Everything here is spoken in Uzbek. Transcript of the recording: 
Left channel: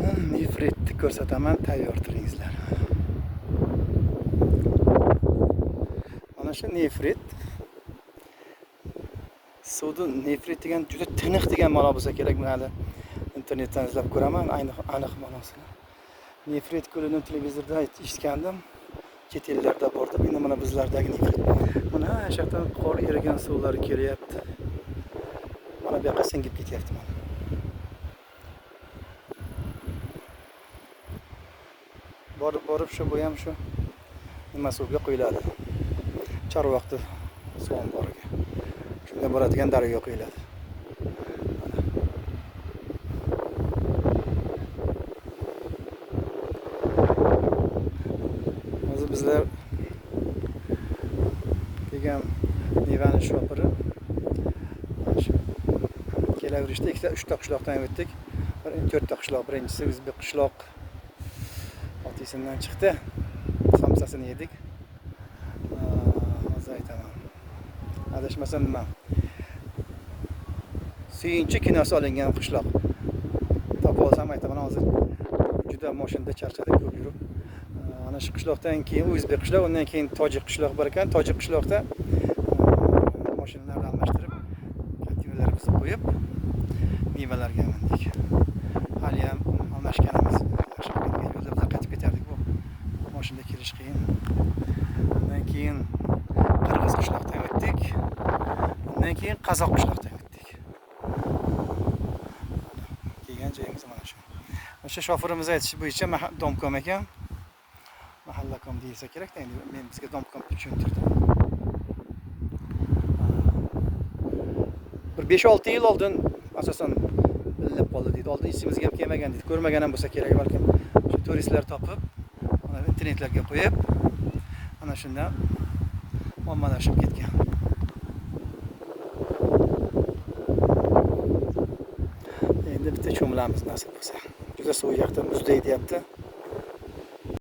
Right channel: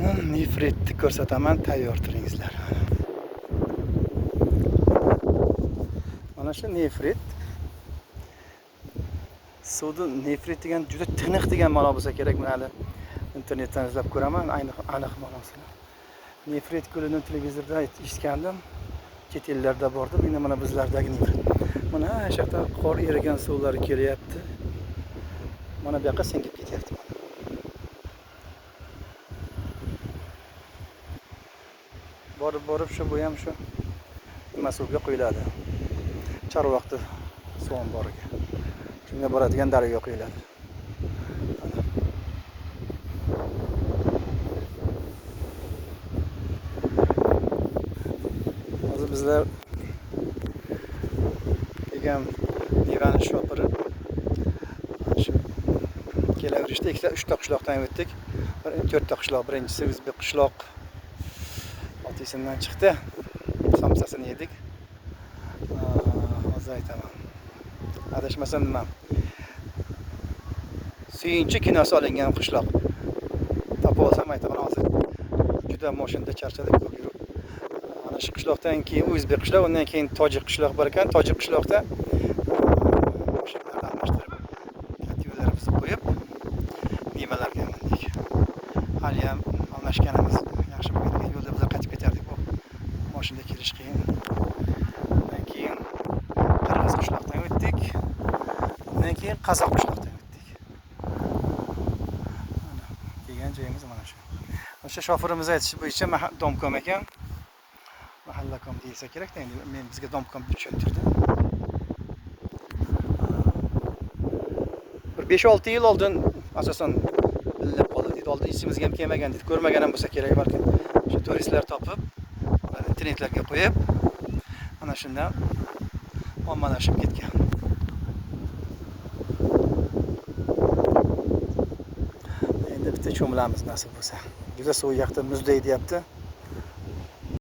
Mana nefritni ko'rsataman, tayyor turingizlar. Mana shu nefrit. Suvda nefrit degan juda tiniq degan ma'no bo'lsa kerak. Men hali internetdan izlab ko'raman, aniq ma'nosini. Nefrit ko'lini televizorda eshitgandim. Chet ellarda bordi. Mana bizlardagi nefrit. Mana o'sha yerdan qor erigan suvlar kelyapti. Mana bu yoqqa singib ketyapti mana. Borib shu bu ham shu nima suvga quyiladi. Chorvoqda suv bor ekan. Shunga boradigan daryo quyiladi. Hozir bizlar degan Nivani shopiri shu kelaverishda 2-3 ta qishloqdan o'tdik. 4 ta qishloq. Birinchisi O'zbek qishloq otisidan chiqdi. Samsasini yedik. Hozir aytaman. Adashmasam nima? Suyunchi kinosi olingan qishloq. Topib olsam aytaman hozir. Juda mashinada charchadik ko'p yurib. Mana shu qishloqdan keyin O'zbek qishloq, undan keyin tojik qishloq bor ekan. Tojik qishloqda mashinalarni almashtirib, katta yo'llarimizni qo'yib, mevalarga mindik. Hali ham almashganimiz yaxshi bo'lgan. Yo'lda biz qaytib ketardik. Bu mashinada kelish qiyin. Undan keyin qirg'iz qishloqdan o'tdik. Undan keyin qozoq qishloqdan o'tdik. Kelgan joyimiz mana shu. O'sha shofirimiz aytishi bo'yicha domkom ekan. Mahallakom deyilsa kerak-da, endi men bizga domkom deb tushuntirdi. Bir 5-6 yil oldin asosan bilinib qoldi deydi. Oldin ichimizga ham kelmagan deydi. Ko'rmagan ham bo'lsa kerak balkim. Shu turistlar topib, internetlarga qo'yib, ana shundan ommalashib ketgan. Endi bitta cho'milamiz nasib bo'lsa. Juda suv yoqda muzday deyapti.